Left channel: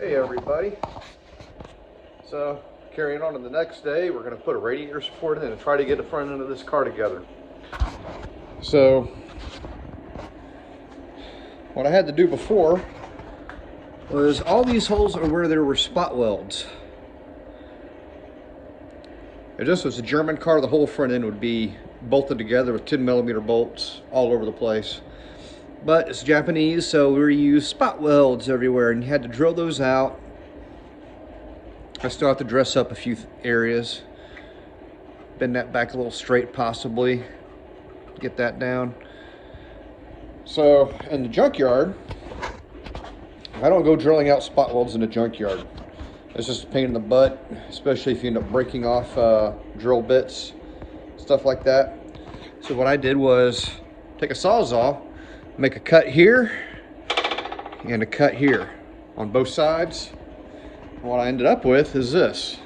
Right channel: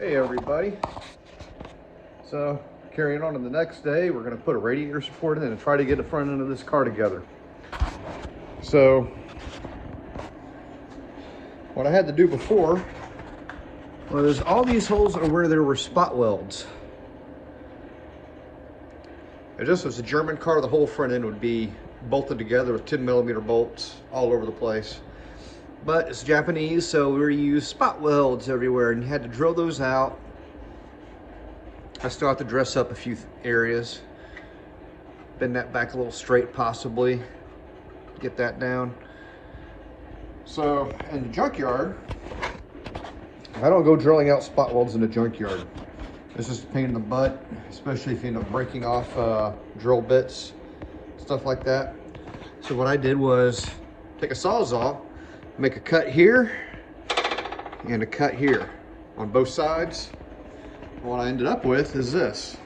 Hey everybody. So carrying on to the next day, we're going to put a radiator support in and try to get the front end of this car together. So what I had to do before was all these holes are where there were spot welds. If this was a German car, the whole front end would be bolted together with 10mm bolts all over the place. But it's Japanese, so we use spot welds everywhere, and you had to drill those out. I still have to dress up a few areas, bend that back a little straight possibly, get that down. So in the junkyard, I don't go drilling out spot welds in the junkyard. It's just a pain in the butt, especially if you end up breaking off drill bits, stuff like that. So what I did was take a Sawzall, make a cut here and a cut here on both sides. What I ended up with is this.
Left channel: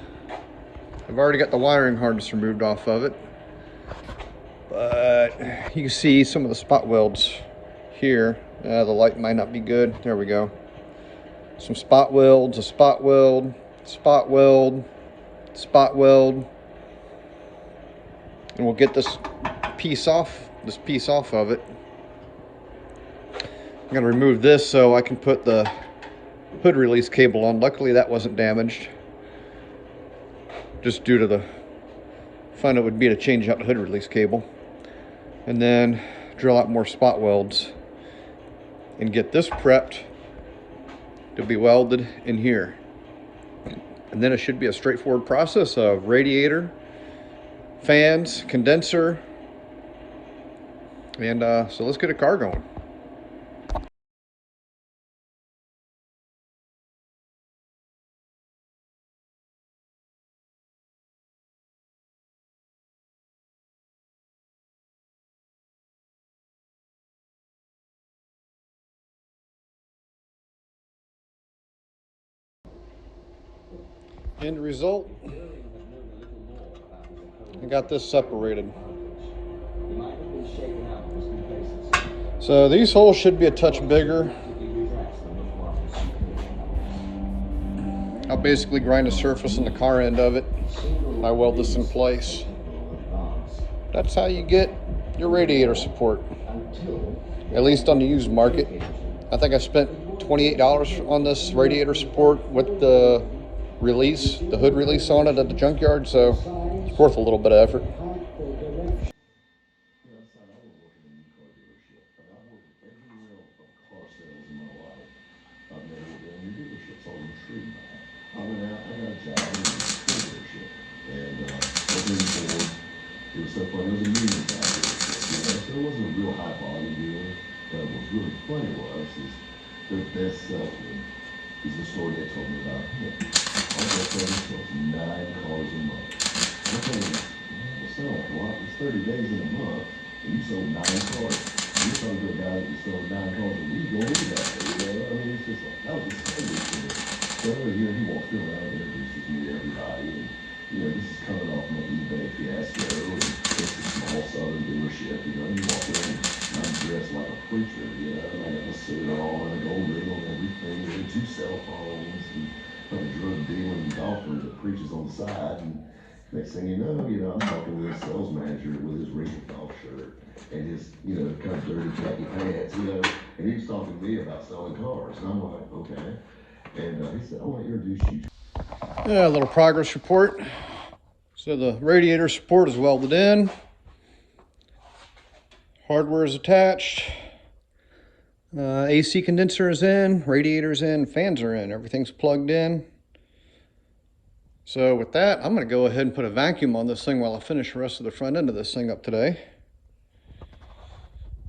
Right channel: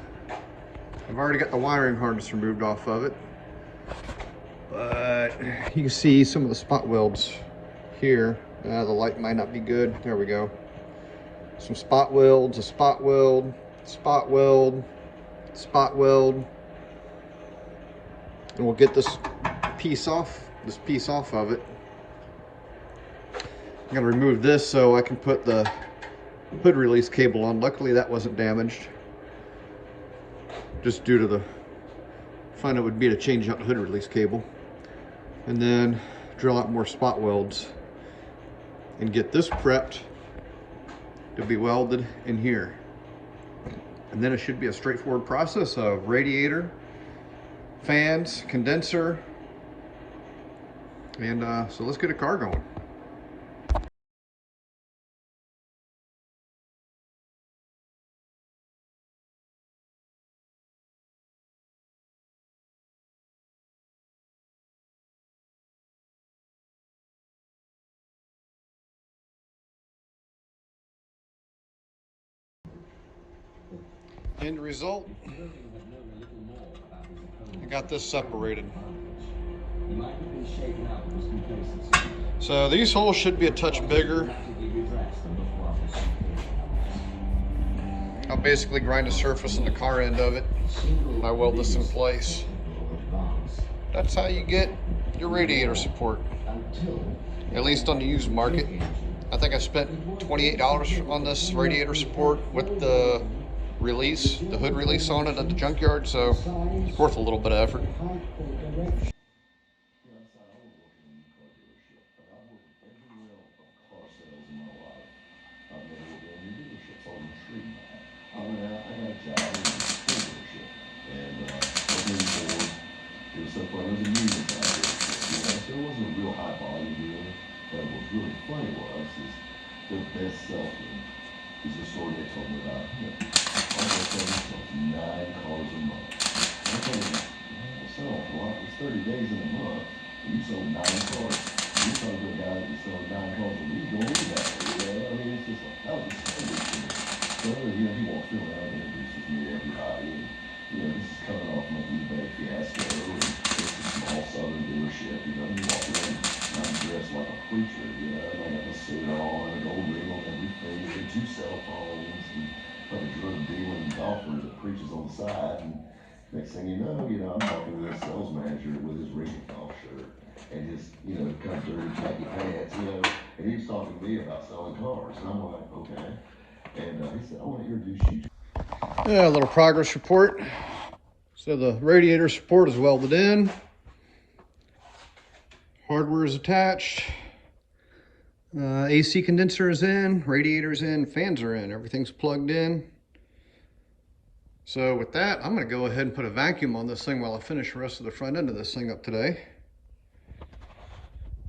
I've already got the wiring harness removed off of it, but you can see some of the spot welds here. The light might not be good. There we go. Some spot welds, a spot weld, spot weld, spot weld, and we'll get this piece off of it. I'm going to remove this so I can put the hood release cable on. Luckily that wasn't damaged, just due to the fun it would be to change out the hood release cable, and then drill out more spot welds and get this prepped to be welded in here. And then it should be a straightforward process of radiator, fans, condenser, and so let's get a car going. End result, I got this separated. So these holes should be a touch bigger. I'll basically grind the surface on the car end of it. I weld this in place. That's how you get your radiator support, at least on the used market. I think I spent $28 on this radiator support with the release, the hood release on it at the junkyard, so it's worth a little bit of effort. Their best salesman is the story they told me about him. My girlfriend sells 9 cars a month. I told him, well, sell a lot. It's 30 days in a month, and you sold 9 cars. You're talking to a guy that sells 9 cars a week. Don't need that. You know, I mean, it's just like, that was crazy to me. So, you know, he walks around and introduces me to everybody. And, you know, this is coming off my eBay fiasco. And it's a small southern dealership, you know, and you walk around and I'm dressed like a preacher, you know, and I got the suit on and a gold ring on everything, and 2 cell phones, and like a drug dealing golfer that preaches on the side. And next thing you know, I'm talking with a sales manager with his ring golf shirt and his, you know, kind of dirty khaki pants, you know, and he was talking to me about selling cars. And I'm like, okay. And he said, I want to introduce you. Yeah, a little progress report. So the radiator support is welded in. Hardware is attached. AC condenser is in, radiator is in, fans are in, everything's plugged in. So with that, I'm going to go ahead and put a vacuum on this thing while I finish the rest of the front end of this thing up today.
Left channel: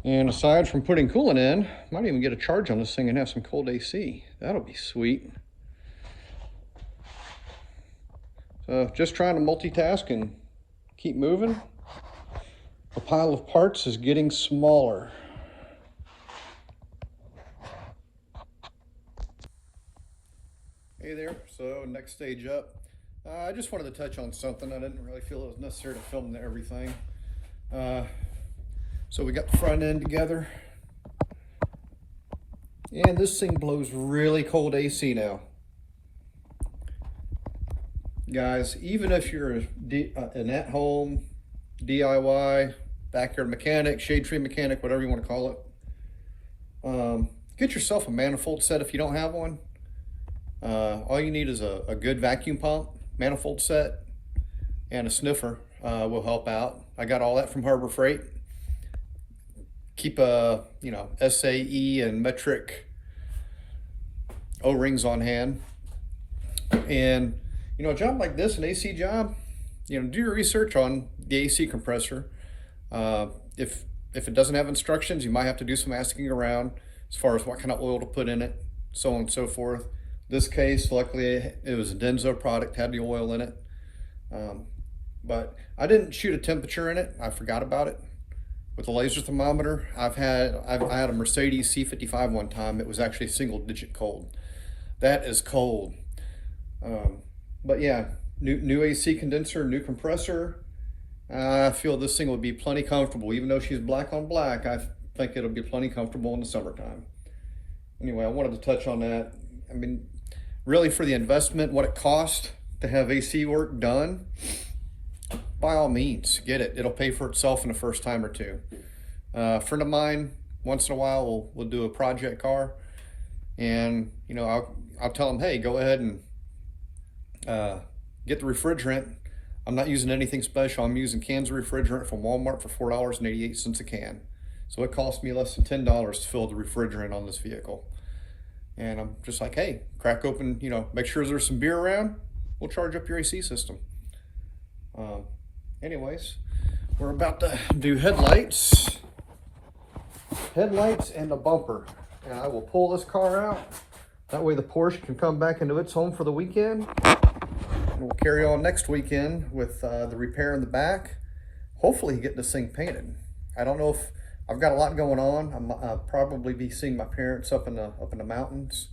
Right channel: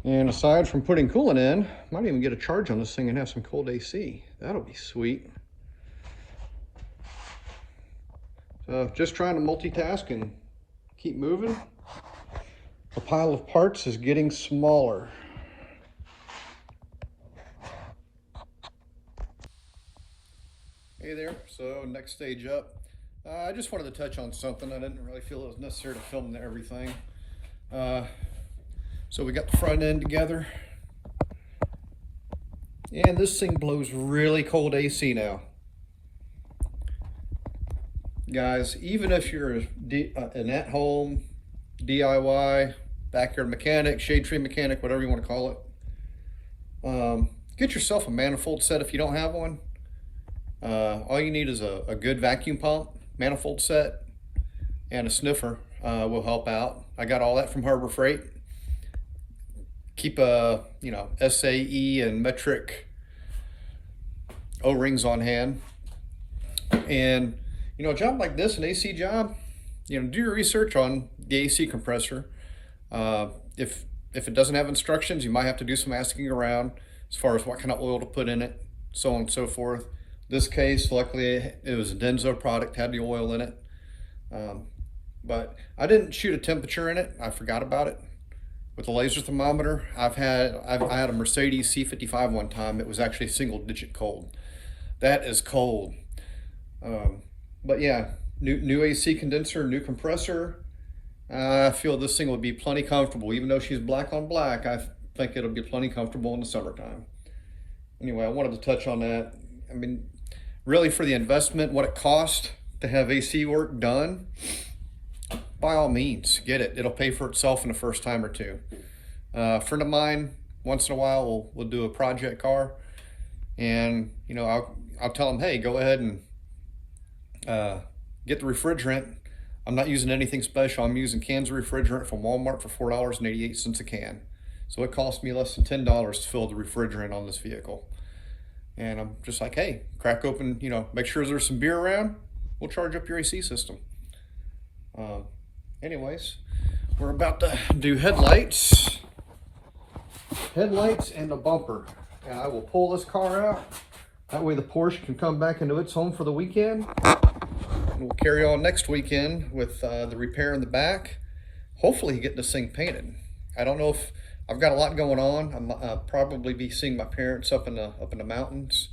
And aside from putting coolant in, might even get a charge on this thing and have some cold AC. That'll be sweet. So just trying to multitask and keep moving. The pile of parts is getting smaller. Hey there, so next stage up. I just wanted to touch on something. I didn't really feel it was necessary to film everything. So we got the front end together. And this thing blows really cold AC now. guys, even if you're an at-home DIY backyard mechanic, shade tree mechanic, whatever you want to call it, get yourself a manifold set if you don't have one. All you need is a good vacuum pump, manifold set, and a sniffer will help out. I got all that from Harbor Freight. Keep SAE and metric O-rings on hand. And a job like this, an AC job, do your research on the AC compressor. If it doesn't have instructions, you might have to do some asking around as far as what kind of oil to put in it, so on and so forth. This case, luckily, it was a Denso product, had the oil in it. But I didn't shoot a temperature in it. I forgot about it. With a laser thermometer, I had a Mercedes C55 one time. It was actually single-digit cold. That is cold. But yeah, new AC condenser, new compressor. I feel this thing will be plenty comfortable. Even though she's black on black, I think it'll be plenty comfortable in the summertime. Anyway, I wanted to touch on that. I mean, really for the investment, what it costs to have AC work done, by all means, get it. It'll pay for itself in the first time or two. A friend of mine, once in a while, we'll do a project car, and I'll tell him, hey, go ahead and get the refrigerant. I'm not using anything special. I'm using cans of refrigerant from Walmart for $4.88 a can. So it cost me less than $10 to fill the refrigerant on this vehicle. And I'm just like, hey, crack open, make sure there's some beer around. We'll charge up your AC system. Anyways, we're about to do headlights and a bumper. And I will pull this car out. That way the Porsche can come back into its home for the weekend. And we'll carry on next weekend with the repair in the back. Hopefully get this thing painted. I don't know if I've got a lot going on. I'll probably be seeing my parents up in the mountains.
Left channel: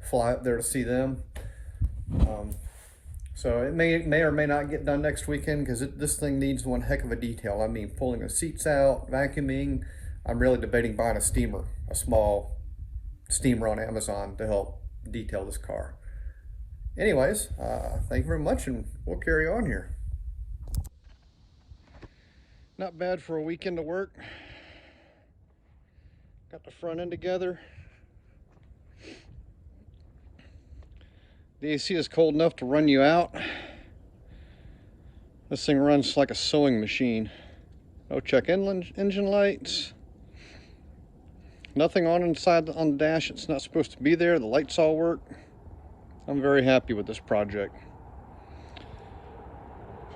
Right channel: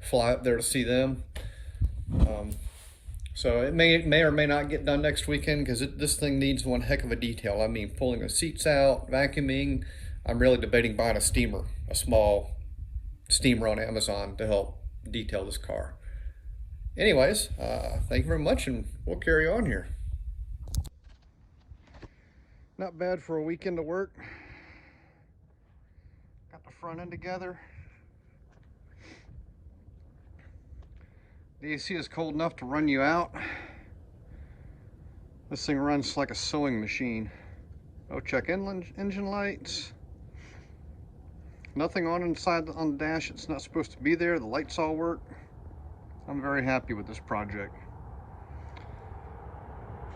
Fly up there to see them. So it may or may not get done next weekend because this thing needs one heck of a detail. I mean, pulling the seats out, vacuuming. I'm really debating buying a steamer, a small steamer on Amazon to help detail this car. Anyways, thank you very much, and we'll carry on here. Not bad for a weekend to work. Got the front end together. The AC is cold enough to run you out. This thing runs like a sewing machine. No check engine lights. Nothing on inside on the dash. It's not supposed to be there. The lights all work. I'm very happy with this project.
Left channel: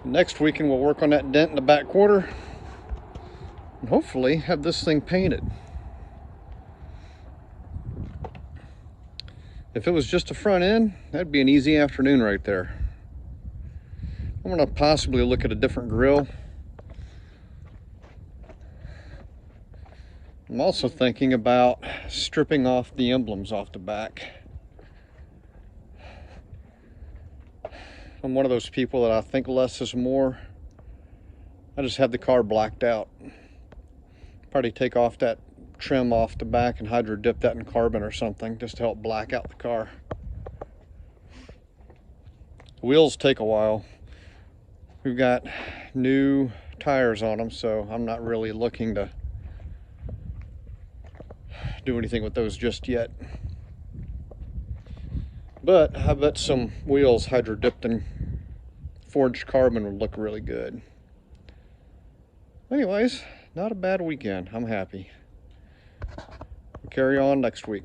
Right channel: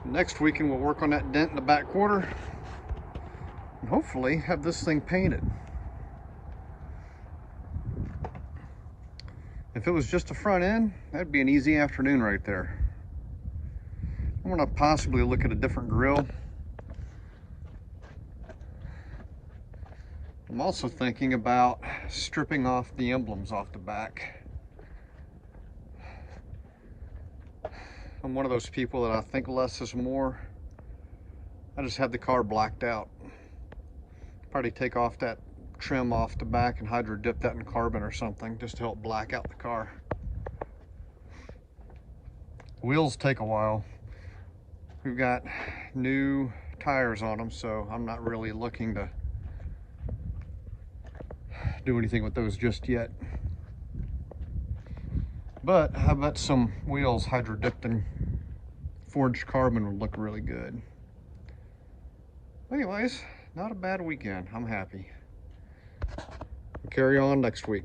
Next weekend we'll work on that dent in the back quarter and hopefully have this thing painted. If it was just a front end, that'd be an easy afternoon right there. I'm gonna possibly look at a different grille. I'm also thinking about stripping off the emblems off the back. I'm one of those people that I think less is more. I just have the car blacked out. Probably take off that trim off the back and hydro dip that in carbon or something just to help black out the car. Wheels take a while. We've got new tires on them, so I'm not really looking to do anything with those just yet. But I bet some wheels hydro dipped in forged carbon would look really good. Anyways, not a bad weekend. I'm happy. Carry on next week.